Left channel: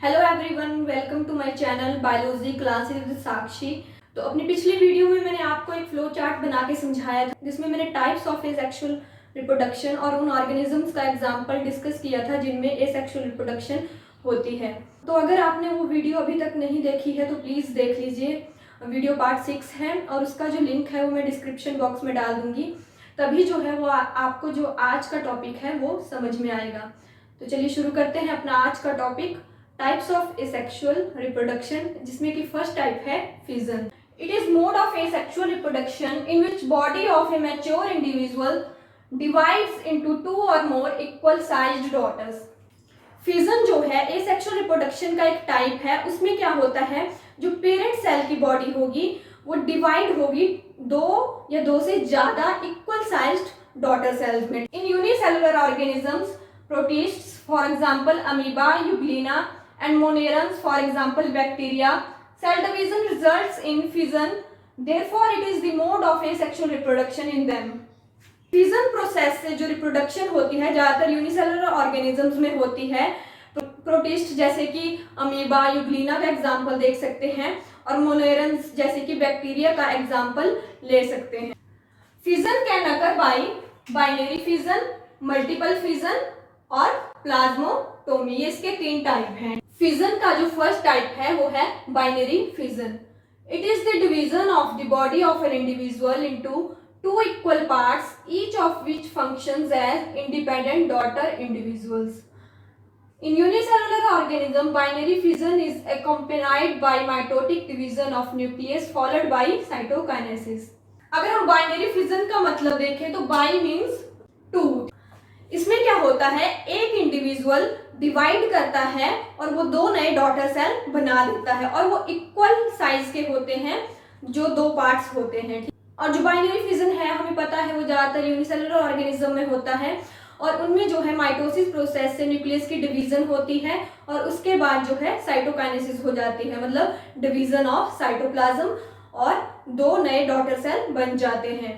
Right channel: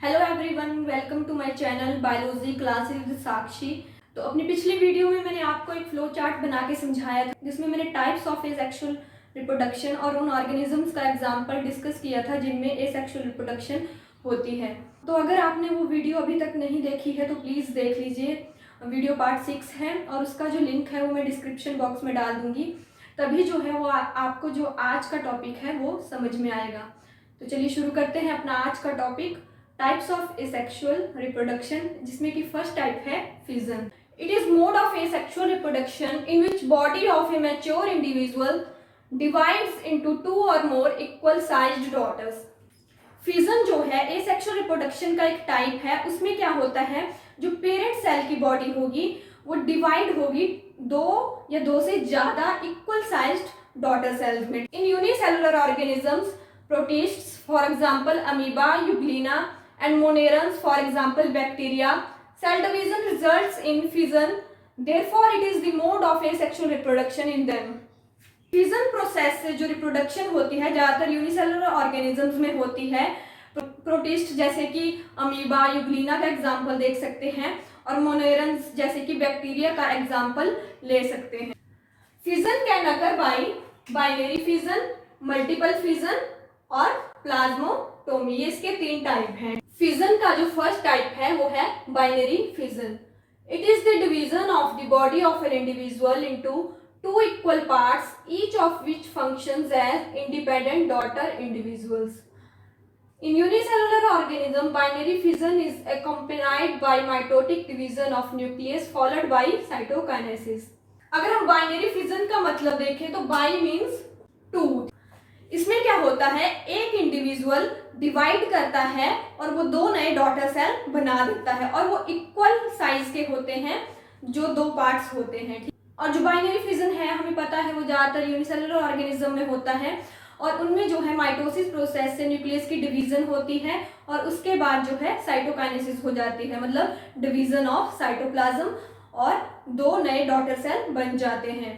Hello everyone, welcome to my channel biology classes with Sakshi. तो अपनी पिछली वीडियो में मैंने आपको एक फ्लो चार्ट बना के समझाया था, जिसमें मैंने टाइप्स ऑफ एसेक्सुअल रिप्रोडक्शन और उन ऑर्गेनिजम्स का एग्जांपल डिस्कस किया था जिनमें एसेक्सुअल रिप्रोडक्शन होती है। तो अगर आपने वो वीडियो अभी तक नहीं देखी है तो प्लीज़ देख लीजिए। वीडियो पार्ट 6 है और उसका जो लिंक है वो मैं डिस्क्रिप्शन बॉक्स में डाल दूंगी। तभी जो है वो आपको जो आज का टॉपिक है वो समझ में आएगा। तो चलिए शुरू करते हैं अपना आज का topic, types of asexual reproduction, जिसमें कि फर्स्ट टाइप है fission. It is mode of asexual reproduction in which body of a mature individual divides into 2 और more equal sized daughters. Fission जो है एसेक्सुअल रिप्रोडक्शन का एक टाइप है। उसमें क्या होता है, जो पेरेंट सेल की बॉडी होगी वो डिवाइड होगी 2 या 2 से ज्यादा इक्वल साइज्ड डॉटर सेल्स में। इन unicellular organisms, protists for example amoeba, euglena and monerans for example bacteria, cell division results in fission, therefore it is the mode of asexual reproduction in them. Fission process से जो reproduction होती है ज्यादातर unicellular organisms में होती है। Protist जैसे कि अमीबा, यूग्लिना का एग्जांपल देख सकते हैं और मोनेरन्स जैसे कि बैक्टीरिया का एग्जांपल ले सकते हैं। Fission can occur by binary fission, multiple fission और प्लाज्मोटोमी। ये इसके 3 टाइप हैं। फिजन का जो फर्स्ट टाइप है वो है binary fission. It is the division of the body of an individual into 2 equal parts, each of which functions as independent daughter individuals. In unicellular organism, binary fission is accompanied by mitotic division of nucleus followed by cytokinesis. अगर हम binary fission का मतलब देखें तो by means 2। इसमें क्या होता है, एक इंडिविजुअल डिवाइड करता है और वो 2 नए डॉटर सेल बना देता है और वो इक्वल साइज के होते हैं जो 2 पार्ट्स होते हैं। और जो बाइनरी फिजन है हमें पता है वो ज्यादातर यूनिसेलुलर ऑर्गेनिज्म में होता है और उनमें जो है माइटोसिस प्रोसेस से न्यूक्लियस की डिवीजन होती है और उसके बाद जो है साइटोकाइनेसिस हो जाती है, मतलब डिवीजन ऑफ साइटोप्लाज्म और 2 नए डॉटर सेल बन जाते हैं।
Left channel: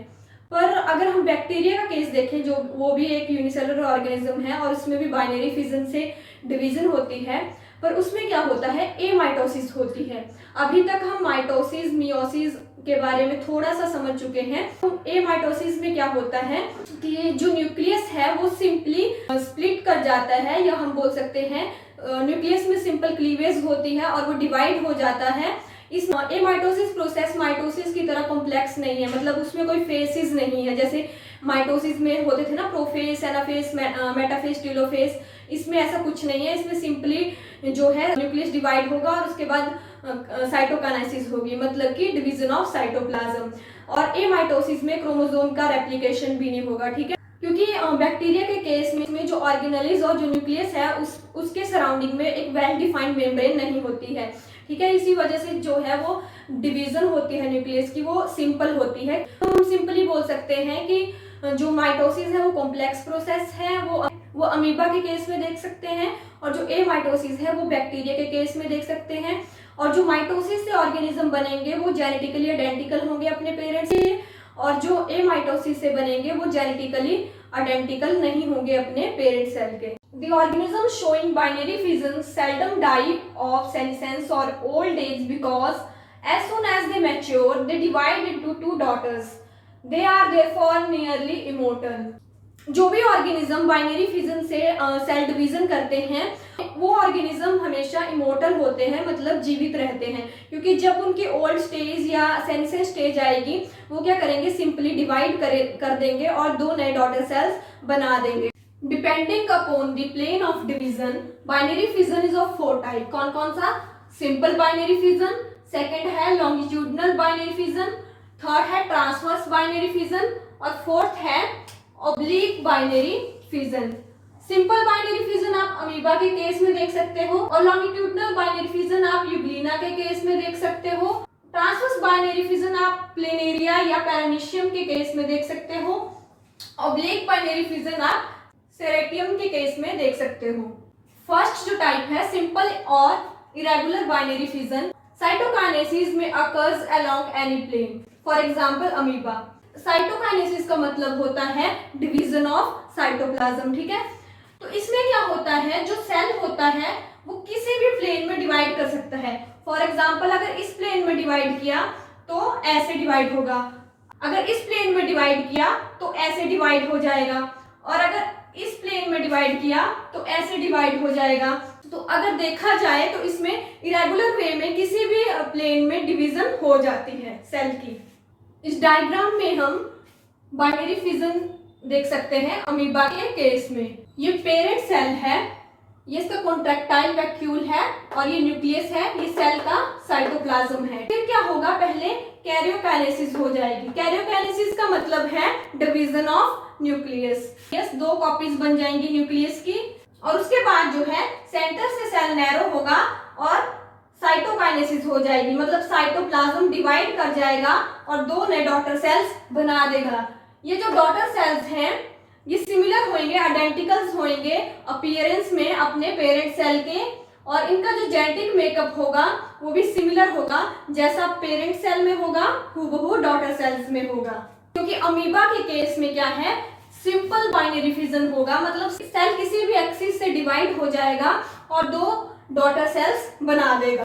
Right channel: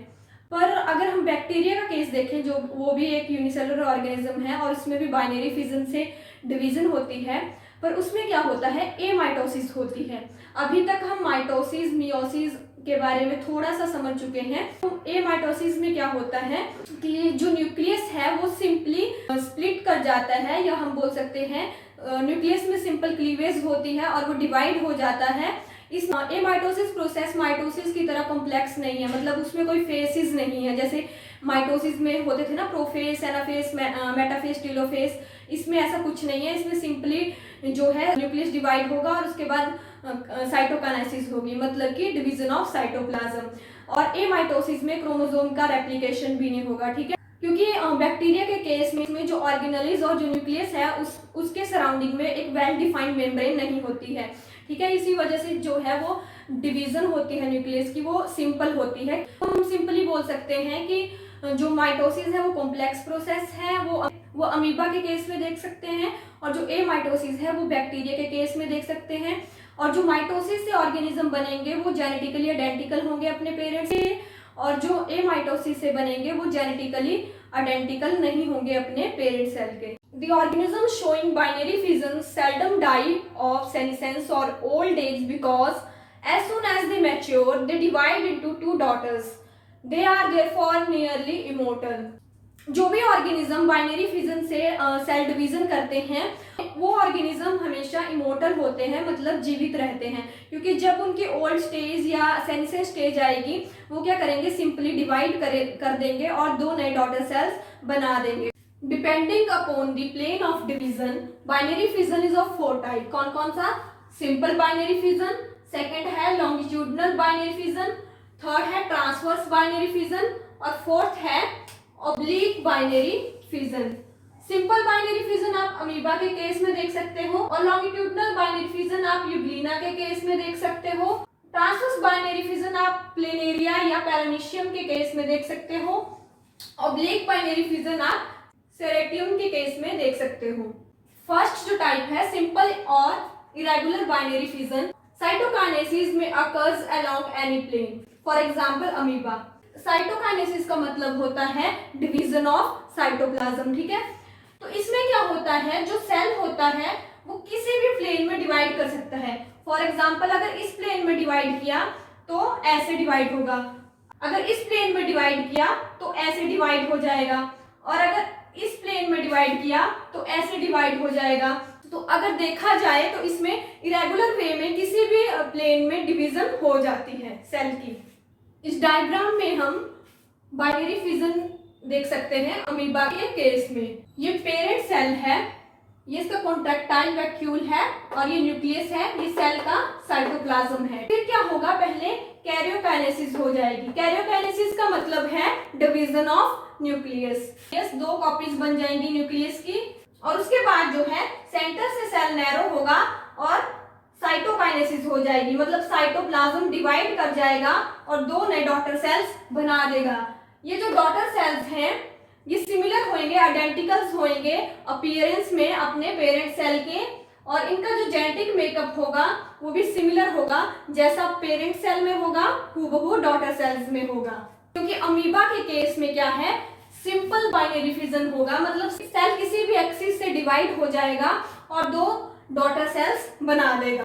पर अगर हम बैक्टीरिया का केस देखें, जो वो भी एक यूनिसेलुलर ऑर्गेनिज्म है और उसमें भी बाइनरी फिजन से डिवीजन होती है, पर उसमें क्या होता है, एमाइटोसिस होती है। अभी तक हम माइटोसिस, मियोसिस के बारे में थोड़ा सा समझ चुके हैं। तो एमाइटोसिस में क्या होता है कि जो न्यूक्लियस है वो सिंपली स्प्लिट कर जाता है, या हम बोल सकते हैं न्यूक्लियस में सिंपल क्लीवेज होती है और वो डिवाइड हो जाता है। इस एमाइटोसिस प्रोसेस माइटोसिस की तरह कॉम्प्लेक्स नहीं है, मतलब उसमें कोई फेसेस नहीं है। जैसे माइटोसिस में होते थे ना प्रोफेस, एनाफेस, मेटाफेस, टेलोफेस, इसमें ऐसा कुछ नहीं है। इसमें सिंपली जो है न्यूक्लियस डिवाइड होगा और उसके बाद साइटोकाइनेसिस होगी, मतलब कि डिवीजन ऑफ साइटोप्लाज्म। और एमाइटोसिस में क्रोमोसोम का रेप्लिकेशन भी नहीं होगा, ठीक है। क्योंकि बैक्टीरिया के केस में जो ऑर्गेनेलिज और जो न्यूक्लियस है उसके सराउंडिंग में एक वेल डिफाइंड मेम्ब्रेन नहीं होती है, ठीक है। इसी वजह से जो है वो डिवीजन होती है न्यूक्लियस की वो सिंपल होती है। हम सिंपली बोल सकते हैं कि जो माइटोसिस है वो कॉम्प्लेक्स प्रोसेस है, वो अमीबा के केस में देख सकते हैं, और जो एमाइटोसिस है वो बैक्टीरिया के केस में देख सकते हैं। और जो माइटोसिस से ऑर्गेनिज्म बनेंगे वो जेनेटिकली आइडेंटिकल होंगे अपने पेरेंट्स से, और जो एमाइटोसिस से बनेंगे वो जेनेटिकली आइडेंटिकल नहीं होंगे अपने पेरेंट सेल के। The organisms showing binary fission seldom die of senescence or old age because as soon as they mature, they divide into 2 daughters. They are therefore nearly immortal. जो भी organism binary fission से cell division करते हैं वो organism हमेशा immortal होते हैं, मतलब जीवित रहते हैं। क्योंकि जब उनकी ओल्ड स्टेज या सेनेसेंस स्टेज आएगी वो क्या करेंगे, सिंपली डिवाइड कर देंगे और 2 नए डॉटर सेल्स बना देंगे। Depending upon the plane of division, binary fission is of 4 type. कौन कौन सा, सिंपल बाइनरी फिजन, सेकंड है लॉन्गिट्यूडनल बाइनरी फिजन, थर्ड है ट्रांसवर्स बाइनरी फिजन और फोर्थ है oblique binary fission. Simple binary fission आप अमीबा के केस में देख सकते हो और लॉन्गिट्यूडनल बाइनरी फिजन आप यूग्लिना के केस में देख सकते हो। ट्रांसवर्स बाइनरी फिजन आप प्लेनेरिया या पैरामीशियम के केस में देख सकते हो। ऑब्लिक बाइनरी फिजन आप सेरेटियम के केस में देख सकते हो। फर्स्ट जो टाइप है सिंपल और इरेगुलर बाइनरी फिजन, साइटोकाइनेसिस में occurs along any plane, for example amoeba. Cytokinesis का मतलब होता है डिवीजन ऑफ साइटोप्लाज्म, ठीक है। तो इसमें क्या होता है, जो सेल होता है वो किसी किसी भी प्लेन में डिवाइड कर सकता है। फॉर एग्जाम्पल अगर इस प्लेन में डिवाइड किया तो ऐसे डिवाइड होगा, अगर इस प्लेन में डिवाइड किया तो ऐसे डिवाइड हो जाएगा, और अगर इस प्लेन में डिवाइड किया तो ऐसे डिवाइड हो जाएगा। तो अगर देखा जाए तो इसमें इरेगुलर वे में किसी भी प्लेन में डिवीजन हो जाती है सेल की। इस डायग्राम में हम बाइनरी फिजन देख सकते हैं अमीबा के केस में। ये पेरेंट सेल है, ये इसका कॉन्ट्रैक्टाइल वैक्यूल है, और ये न्यूक्लियस है, ये सेल का साइटोप्लाज्म है। फिर क्या होगा, पहले कैरियोकाइनेसिस हो जाएगी। कैरियोकाइनेसिस का मतलब है division of nucleus. Yes, 2 copies बन जाएंगी न्यूक्लियस की, और उसके बाद जो है सेंटर से सेल नैरो होगा और साइटोकाइनेसिस हो जाएगी, मतलब साइटोप्लाज्म डिवाइड कर जाएगा और 2 नए डॉटर सेल्स बना देगा। ये जो डॉटर सेल्स हैं ये सिमिलर होंगे, आइडेंटिकल्स होंगे अपीयरेंस में अपने पेरेंट सेल के, और इनका जो जेनेटिक मेकअप होगा वो भी सिमिलर होगा, जैसा पेरेंट सेल में होगा हूबहू डॉटर सेल्स में होगा। क्योंकि अमीबा के केस में क्या है, सिंपल बाइनरी फिजन होगा, मतलब सेल किसी भी एक्सिस से डिवाइड हो जाएगा और 2 डॉटर सेल्स बना देगा।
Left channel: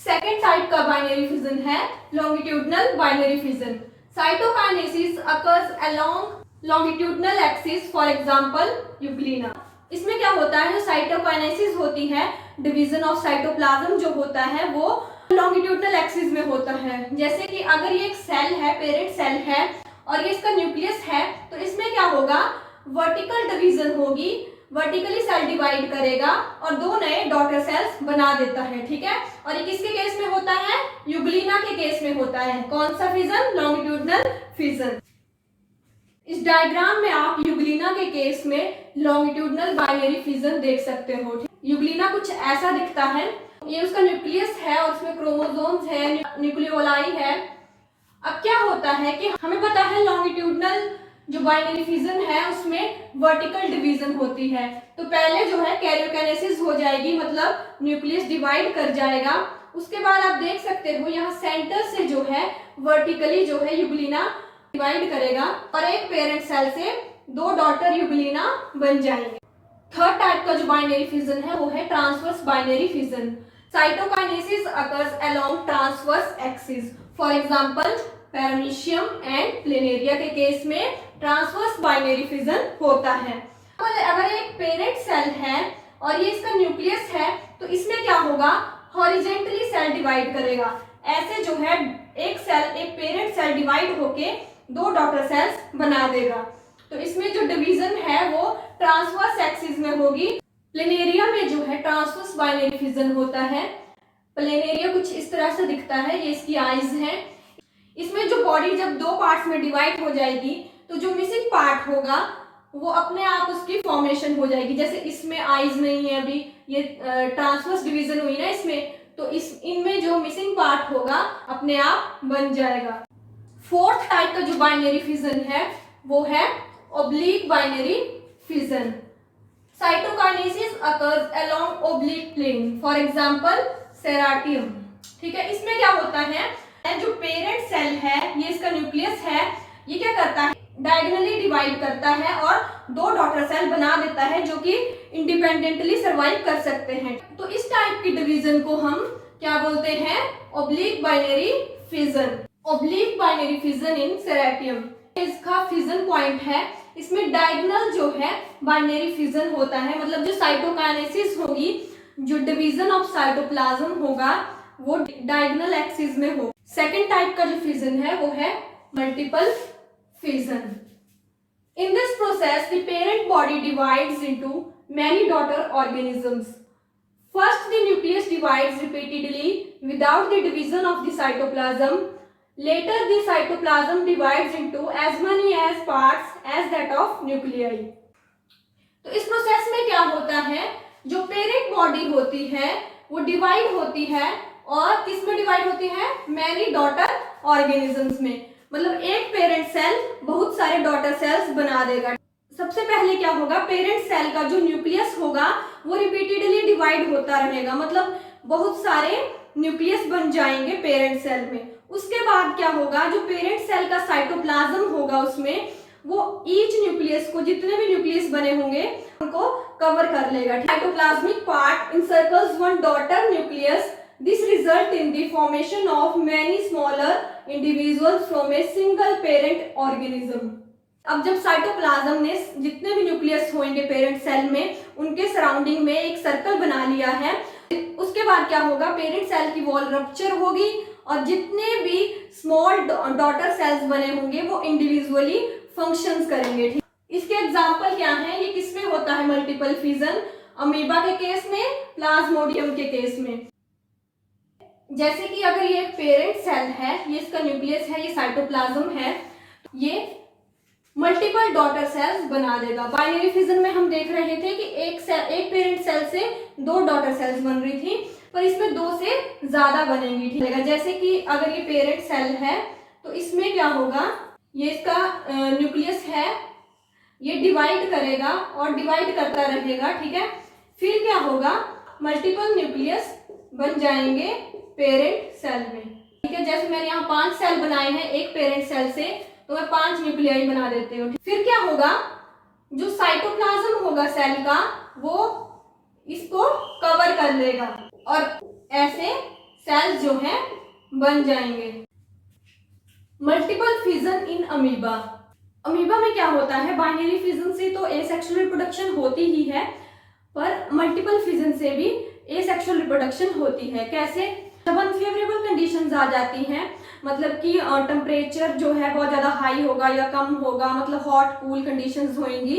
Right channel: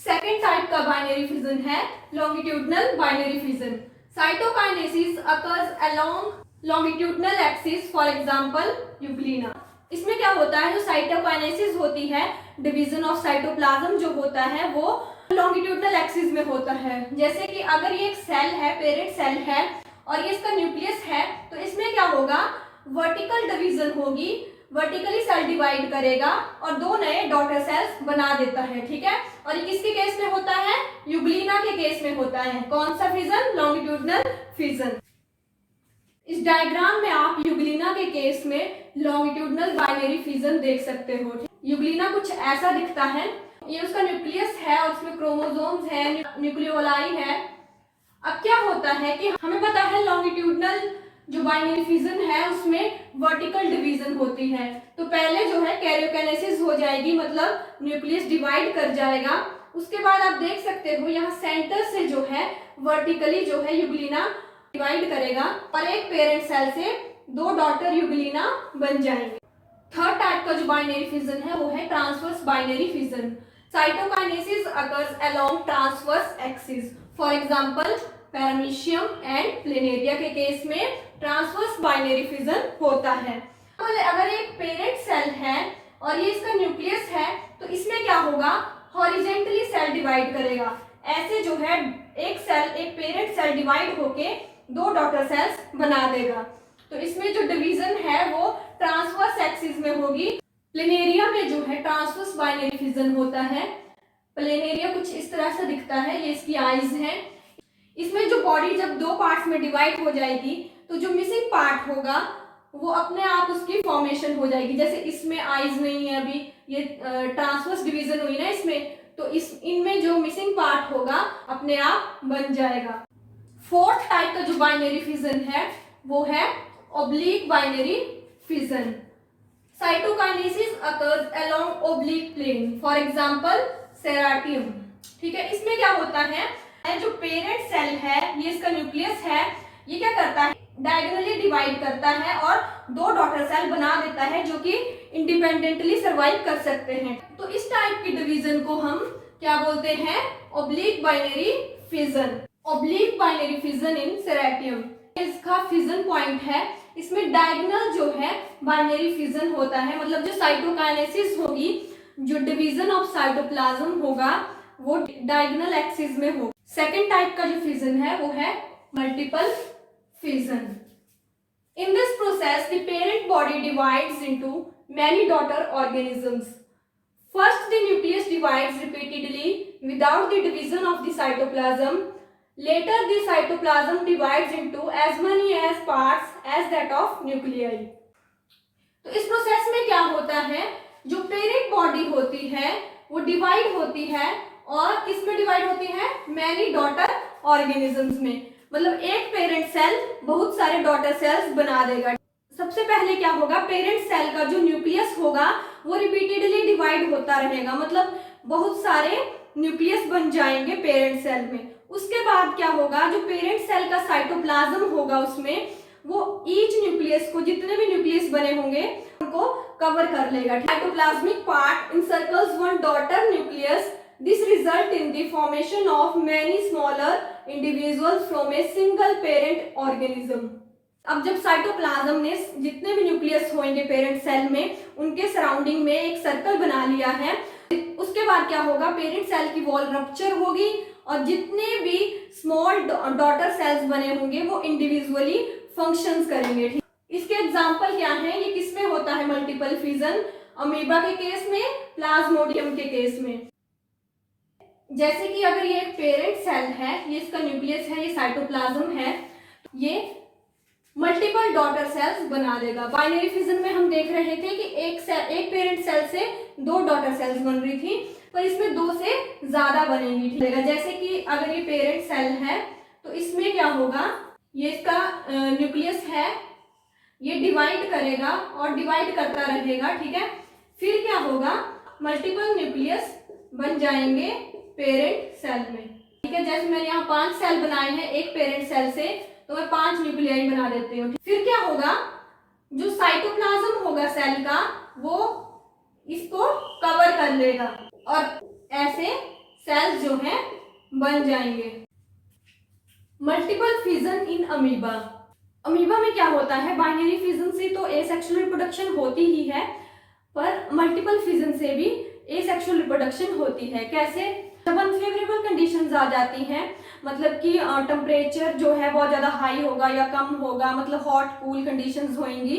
सेकेंड टाइप का बाइनरी फिजन है longitudinal binary fission. Cytokinesis occurs along longitudinal axis, for example Euglena. इसमें क्या होता है, जो साइटोकाइनेसिस होती है, डिवीजन ऑफ साइटोप्लाज्म जो होता है वो लॉन्गिट्यूडनल एक्सिस में होता है। जैसे कि अगर ये एक सेल है, पेरेंट सेल है, और ये इसका न्यूक्लियस है, तो इसमें क्या होगा, वर्टिकल डिवीजन होगी, वर्टिकली सेल डिवाइड करेगा और 2 नए डॉटर सेल्स बना देता है। ठीक है, और ये किसके केस में होता है, यूग्लिना के केस में होता है। कौन सा फिजन, लॉन्गिट्यूडनल फिजन। इस डायग्राम में आप यूग्लिना के केस में लॉन्गिट्यूडनल बाइनरी फिजन देख सकते हो। यूग्लिना कुछ ऐसा दिखता है, ये उसका न्यूक्लियस है और उसमें क्रोमोसोम्स है, न्यूक्लियोलाई है। अब क्या होता है कि हमें पता है लॉन्गिट्यूडनल जो बाइनरी फिजन है उसमें वर्टिकल डिवीजन होती है, तो पहले जो है कैरियोकाइनेसिस हो जाएगी, मतलब न्यूक्लियस डिवाइड कर जाएगा। उसके बाद आप देख सकते हो यहाँ सेंटर से जो है वर्टिकली जो है यूग्लिना डिवाइड करेगा और एक पेरेंट सेल से 2 डॉटर यूग्लिना बन जाएंगे। थर्ड टाइप का जो बाइनरी फिजन है वो है transverse binary fission. Cytokinesis occurs along transverse axis, for example paramecium and planaria के केस में ट्रांसवर्स बाइनरी फिजन होता है। अगर एक पेरेंट सेल है और ये इसका न्यूक्लियस है, तो इसमें क्या होगा, हॉरिजेंटली सेल डिवाइड करेगा। ऐसे जो है एक सेल, एक पेरेंट सेल डिवाइड होके 2 डॉटर सेल्स बना देगा। तो इसमें जो डिवीजन है वो ट्रांसवर्स एक्सिस में होगी। प्लेनेरिया में जो है ट्रांसवर्स बाइनरी फिजन होता है। प्लेनेरिया कुछ इस तरह से दिखता है, ये इसकी आईज है। इसमें जो बॉडी जब 2 पार्ट्स में डिवाइड हो जाएगी तो जो मिसिंग पार्ट होगा वो अपने आप उसकी फॉर्मेशन हो जाएगी। जैसे इसमें आईज नहीं है, अभी ये ट्रांसवर्स डिवीजन हुई ना इसमें, तो इनमें जो मिसिंग पार्ट होगा अपने आप बन जाएगा। फोर्थ टाइप का जो बाइनरी फिजन है वो है oblique binary fission. Cytokinesis occurs along oblique plane, for example Ceratium. ठीक है, इसमें क्या होता है, जो पेरेंट सेल है, ये इसका न्यूक्लियस है, ये क्या करता है, डायगोनली डिवाइड करता है और 2 डॉटर सेल बना देता है जो कि इंडिपेंडेंटली सर्वाइव कर सकते हैं। तो इस टाइप की डिवीजन को हम क्या बोलते हैं, oblique binary fission. Oblique binary fission in Ceratium, इसका फिजन पॉइंट है, इसमें डायगोनल जो है बाइनरी फिजन होता है, मतलब जो साइटोकाइनेसिस होगी, जो डिवीजन ऑफ साइटोप्लाज्म होगा वो डायगोनल एक्सिस में हो। सेकेंड टाइप का जो फिजन है वो है multiple fission. In this process, the parent body divides into many daughter organisms. First, the nucleus divides repeatedly without the division of the cytoplasm. Later, the cytoplasm divides into as many as parts as that of nuclei. तो इस process में क्या होता है, जो parent body होती है वो डिवाइड होती है, और किस में डिवाइड होती है, मैनी डॉटर ऑर्गेनिजम्स में। मतलब एक पेरेंट सेल बहुत सारे डॉटर सेल्स बना देगा। सबसे पहले क्या होगा, पेरेंट सेल का जो न्यूक्लियस होगा वो रिपीटेडली डिवाइड होता रहेगा, मतलब बहुत सारे न्यूक्लियस बन जाएंगे पेरेंट सेल में। उसके बाद क्या होगा, जो पेरेंट सेल का साइटोप्लाज्म होगा उसमें वो ईच न्यूक्लियस को, जितने भी न्यूक्लियस बने होंगे उनको कवर कर लेगा। Cytoplasmic part encircles one daughter nucleus. This result in the formation of many smaller individuals from a single parent organism. अब जब साइटोप्लाज्म ने जितने भी न्यूक्लियस होंगे पेरेंट सेल में, उनके सराउंडिंग में एक सर्कल बना लिया है, उसके बाद क्या होगा, पेरेंट सेल की वॉल रप्चर होगी और जितने भी स्मॉल डॉटर सेल्स बने होंगे वो इंडिविजुअली फंक्शंस करेंगे। ठीक, इसके एग्जांपल क्या हैं, ये किसमें होता है मल्टीपल फिजन, अमीबा के केस में, प्लाज्मोडियम के केस में। जैसे कि अगर ये एक पेरेंट सेल है, ये इसका न्यूक्लियस है, ये साइटोप्लाज्म है, ये मल्टीपल डॉटर सेल्स बना देगा। बाइनरी फिजन में हम देख रहे थे कि एक पेरेंट सेल से 2 डॉटर सेल्स बन रही थी, पर इसमें 2 से ज्यादा बनेंगी। ठीक है, जैसे कि अगर ये पेरेंट सेल है तो इसमें क्या होगा, ये इसका न्यूक्लियस है, ये डिवाइड करेगा और डिवाइड करता रहेगा। ठीक है, फिर क्या होगा, मल्टीपल न्यूक्लियस बन जाएंगे पेरेंट सेल में। ठीक है, जैसे मैंने यहाँ 5 सेल बनाए हैं एक पेरेंट सेल से, तो मैं 5 न्यूक्लियाई बना देती हूँ। फिर क्या होगा, जो साइटोप्लाज्म होगा सेल का वो इसको कवर कर लेगा और ऐसे सेल्स जो हैं बन जाएंगे। Multiple fission in amoeba. Amoeba में क्या होता है, बाइनरी फिजन से तो एसेक्सुअल रिप्रोडक्शन होती ही है, पर मल्टीपल फिजन से भी एसेक्सुअल रिप्रोडक्शन होती है। कैसे, जब अनफेवरेबल कंडीशंस आ जाती हैं, मतलब कि टेम्परेचर जो है बहुत ज़्यादा हाई होगा या कम होगा, मतलब हॉट कूल कंडीशंस होंगी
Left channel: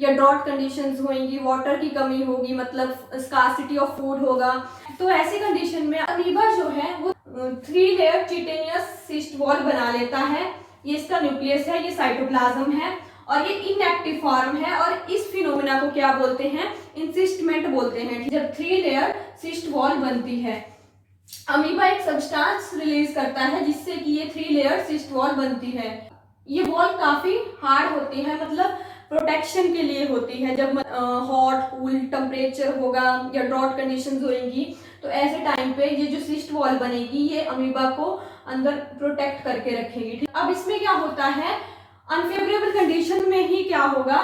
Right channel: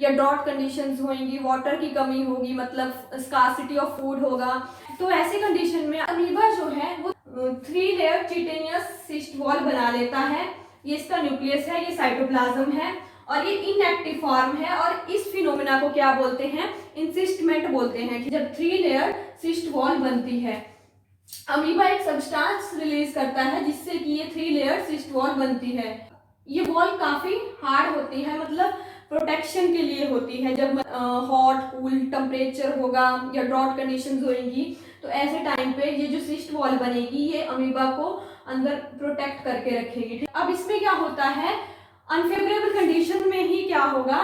या ड्रॉट कंडीशंस होंगी, वाटर की कमी होगी, मतलब स्कार्सिटी ऑफ फूड होगा, तो ऐसी कंडीशन में अमीबा जो है वो 3 लेयर चिटेनियस सिस्ट वॉल बना लेता है। ये इसका न्यूक्लियस है, ये साइटोप्लाज्म है और ये इनएक्टिव फॉर्म है और इस फिनोमेना को क्या बोलते हैं, इंसिस्टमेंट बोलते हैं। जब 3 लेयर सिस्ट वॉल बनती है, अमीबा एक सब्सटेंस रिलीज करता है जिससे कि ये 3 लेयर सिस्ट वॉल बनती है। ये वॉल काफी हार्ड होती है, मतलब प्रोटेक्शन के लिए होती है। जब हॉट कूल टेम्परेचर होगा या ड्रॉट कंडीशंस होंगी, तो ऐसे टाइम पे ये जो सिस्ट वॉल बनेगी ये अमीबा को अंदर प्रोटेक्ट करके रखेगी। अब इसमें क्या होता है, अनफेवरेबल कंडीशन में ही क्या होगा,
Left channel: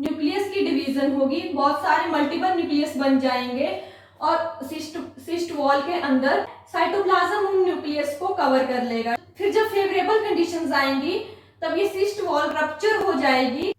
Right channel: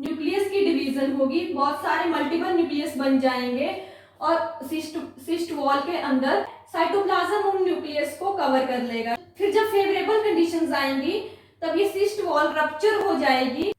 न्यूक्लियस की डिवीजन होगी, बहुत सारे मल्टीपल न्यूक्लियस बन जाएंगे और सिस्ट वॉल के अंदर साइटोप्लाज्म उन न्यूक्लियस को कवर कर लेगा। फिर जब फेवरेबल कंडीशंस आएंगी तब ये सिस्ट वॉल रप्चर हो जाएगी।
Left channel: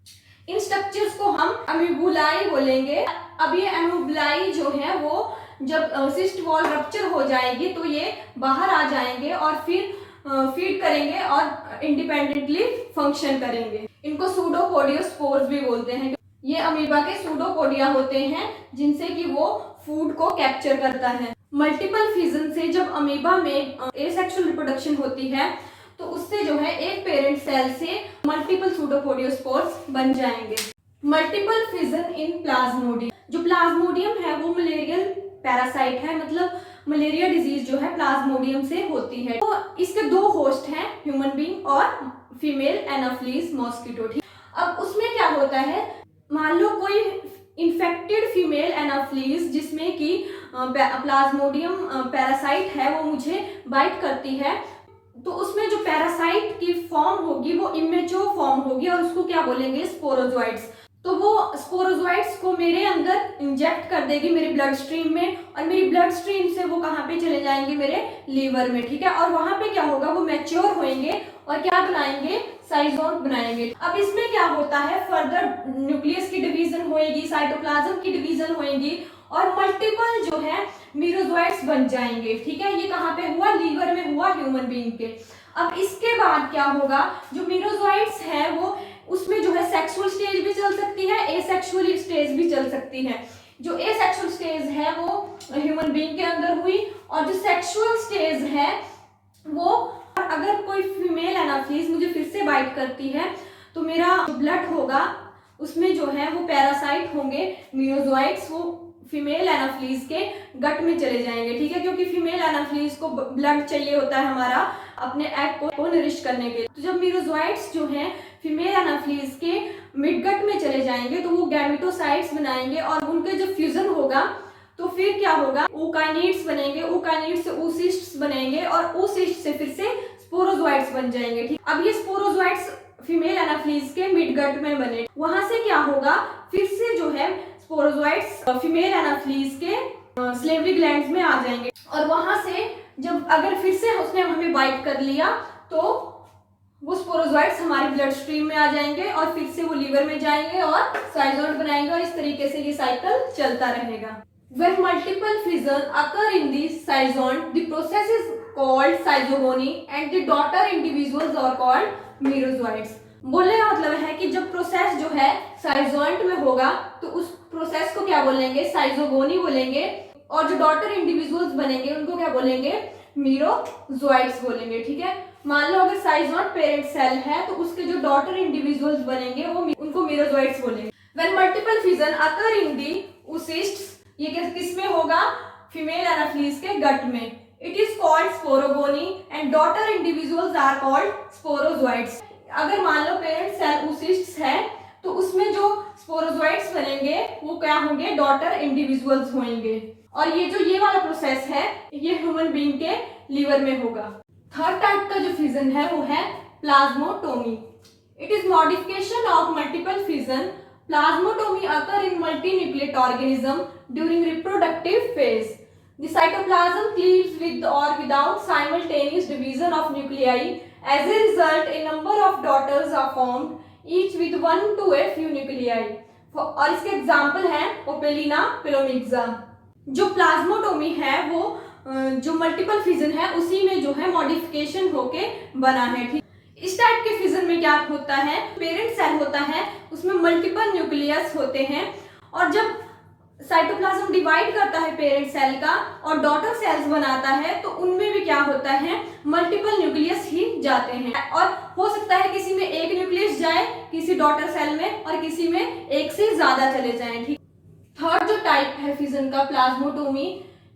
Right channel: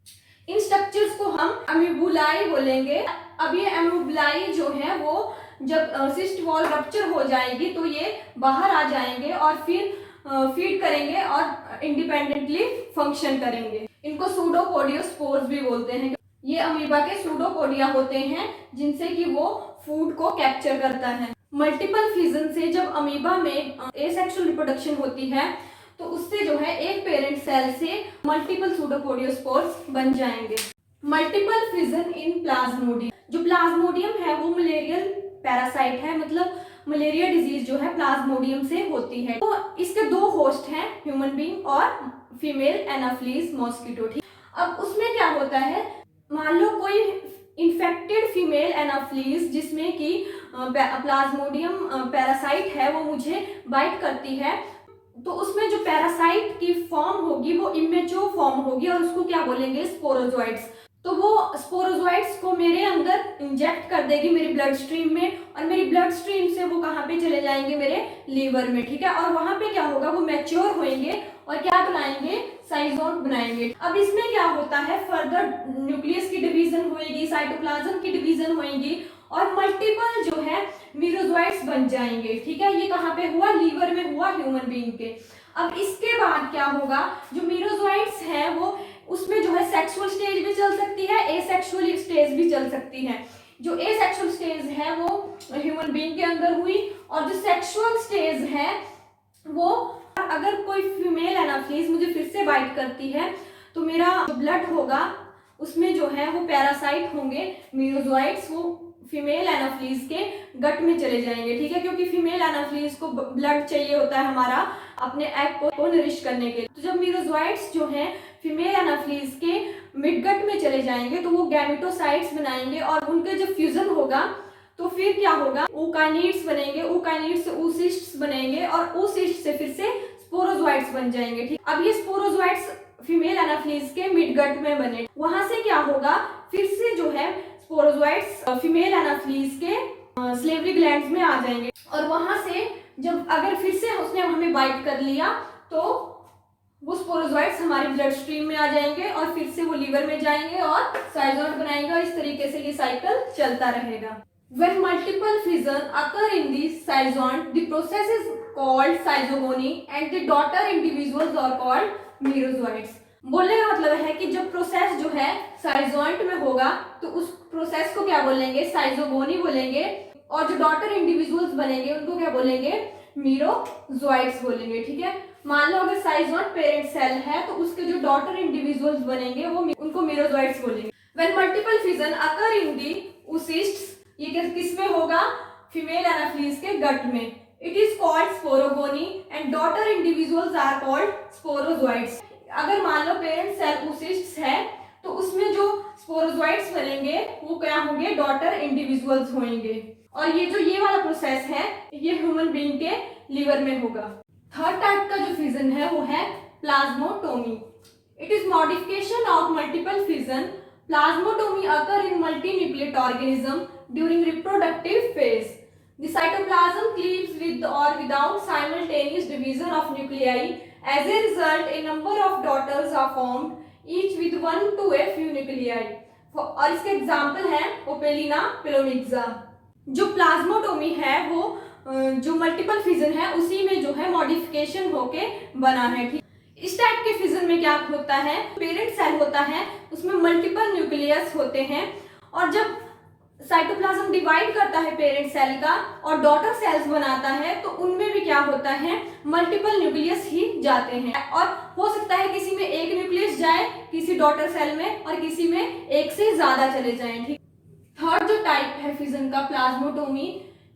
इन स्ट्रक्चर्स को हम अमीबुलाई बोलेंगे। अब ये अमीबुलाई जो है वो जब सिस्ट वॉल रप्चर हो जाएगी तो ये बाहर आ जाएंगे और फिर फीड करेंगे और इंडिपेंडेंटली फंक्शन करेंगे। इनको सूडोपोडियोस्पोर्स भी बोलते हैं। ये अमीबा के सूडोपोडिया होते हैं जिनसे कि वो फूड को कैप्चर करता है। मल्टीपल फिजन से जब अमीबा में एसेक्सुअल रिप्रोडक्शन होती है तो उससे जो है एक पेरेंट सेल से मल्टीपल सूडोपोडियोस्पोर्स बन जाएंगे। मल्टीपल फिजन इन प्लाज्मोडियम। जो प्लाज्मोडियम है वो मलेरियल पैरासाइट है, मतलब मलेरिया डिजीज जो है प्लाज्मोडियम से होती है। तो इसके 2 होस्ट हैं, ह्यूमन बीइंग और फीमेल एनाफ्लीज मॉस्किटो। अब उसमें क्या होता है, मान लो कोई इन्फेक्टेड फीमेल एनाफ्लीज जिसमें कि प्लाज्मोडियम पैरासाइट है वो मुझे बाइट करती है, तो उसमें जो पैरासाइट की फॉर्म होगी वो इमेच्योर फॉर्म होगी और उसको क्या बोलेंगे, स्पोरोजोइट्स। तो वो स्पोरोजोइट्स को मेरे अंदर इंजेक्ट कर देगी मेरी ब्लड स्ट्रीम में और मेरी ब्लड स्ट्रीम से वो कहाँ पे चले जाएंगे, मेरे लीवर में। ठीक है, और वहां पे क्या होगा, वो मैच्योर होंगे और क्या बनाएंगे, साइजोन बनाएंगे। अब इसमें क्या होता है, फर्दर न्यूक्लियस की डिवीजन होएगी, साइटोप्लाज्म की डिवीजन होएगी और मल्टीपल जो है मीरोजोइट्स बन जाएंगे। ठीक है, ये कहाँ पे हुआ, लीवर में हुआ ह्यूमन बीइंग के। अब इसके बाद क्या होगा, जो मीरोजोइट्स है वो उसमें जो है सेक्सुअल स्टेज भी चल सकती है, एसेक्सुअल स्टेज भी चल सकती है। जो एसेक्सुअल स्टेज है वो ह्यूमन बीइंग के अंदर हुई और जो सेक्सुअल स्टेज है वो, अगर कोई फीमेल एनाफ्लीज मुझे फिर से बाइट करती है तो मेरा ब्लड होगा उसमें जो है वो पैरासाइट होंगे मीरोजोइट्स, वो फीमेल एनाफ्लीज के गट में चले जाएंगे। ठीक है, क्योंकि फीमेल एनाफ्लीज को ब्लड चाहिए होता है हमारा अपने एग को नरिश करने के लिए। तो जब मीरोजोइट्स जो है फीमेल एनाफ्लीज के मिडगट में चले जाएंगे तो वो गैमेटोसाइट्स बनाएंगे और उनके जब फ्यूजन होगा तो फिर क्या होगा, ओकाइनिड्स बनेंगे, ओकाइनिड्स से oocysts बनेंगे और oocysts से फिर से स्पोरोजोइट्स बन जाएंगे। ठीक, अब ये स्पोरोजोइट्स फीमेल एनाफ्लीज के मिडगट में बने, वहां से क्या होगा, फिर से जो है स्पोरोजोइट्स फीमेल एनाफ्लीज के स्लेवरी ग्लैंड्स में आ जाएंगे और वहां से जब अगर फिर से उसने हमें बाइट कर लिया तो वो स्पोरोजोइट्स हमारे ब्लड स्ट्रीम में आ जाएंगे और फिर से वो लीवर में जाएंगे और साइजोइड बनाएंगे और इस तरीके से ये साइकिल चलता रहेगा। When multiple fission occur in the cyzone, the process is called साइजोगोनी and the daughter individuals are called merozoites। बोलने का मतलब है कि जब प्रोसेस जो है साइजोइड में होगा तो उस प्रोसेस को क्या बोलेंगे, साइजोगोनी बोलेंगे, और जो डॉटर इंडिविजुअल्स बनेंगे उनको क्या बोलेंगे, मीरोजोइट्स बोलेंगे। ठीक है, मान लो अगर साइजोइड पेरेंट सेल है तो उसके जो डॉटर इंडिविजुअल्स बनेंगे वो उनको मीरोजोइट्स बोलेंगे। When multiple fission occur in the oocysts, ये किस में होगा, फीमेल एनाफ्लीज के गट में, it is called sporogony and daughter individuals are called sporozoites. अगर मान लो पेरेंट सेल oocysts है तो उसमें जो स्पोरोजोइट्स बनेंगे वो क्या होंगे, डॉटर इंडिविजुअल्स होंगे। और ये वाला प्रोसेस है ये ह्यूमन बीइंग के लीवर में होगा। थर्ड टाइप का जो फिजन है वो है plasmotomy. It is modification of multiple fission. Plasmatomy occur in multinucleate organism during reproductive phase. The cytoplasm cleaves with or without simultaneous division of nuclei. As a result, a number of daughters are formed, each with 1 to a few nuclei. और इसके example है Opalina पिलोमिक्सा। जो plasmotomy है वो जो multiple fission है उसी में जो है मॉडिफिकेशन होके बना है। ठीक, इस टाइप के फिजन में क्या होता है, पेरेंट सेल होता है उसमें मल्टीपल न्यूक्लियस होते हैं और जब साइटोप्लाज्म डिवाइड करता है पेरेंट सेल का और डॉटर सेल्स बनाता है तो उनमें भी क्या होता है, मल्टीपल न्यूक्लियस ही जाते हैं। और हो सकता है किसी में एक न्यूक्लियस जाए किसी डॉटर सेल में और किसी में एक से ज्यादा चले जाएं। ठीक, थर्ड जो टाइप है फिजन का प्लाज्मोटोमी,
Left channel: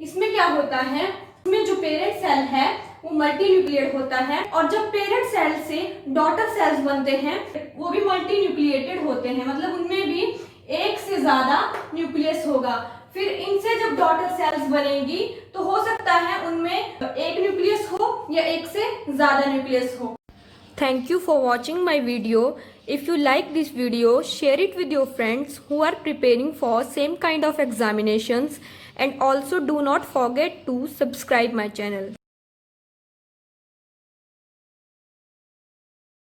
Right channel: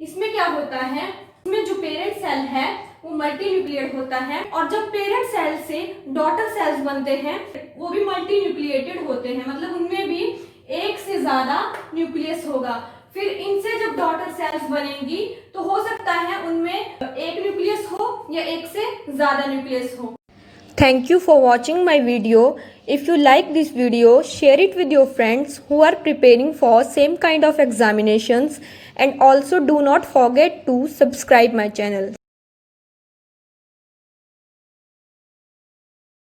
इसमें क्या होता है, इसमें जो पेरेंट सेल है वो मल्टी न्यूक्लिएट होता है और जब पेरेंट सेल से डॉटर सेल्स बनते हैं वो भी मल्टी न्यूक्लिएटेड होते हैं, मतलब उनमें भी एक से ज्यादा न्यूक्लियस होगा। फिर इनसे जब डॉटर सेल्स बनेंगी तो हो सकता है उनमें एक न्यूक्लियस हो या एक से ज्यादा न्यूक्लियस हो। Thank you for watching my video. If you like this video, share it with your friends who are preparing for same kind of examinations, and also do not forget to subscribe my channel.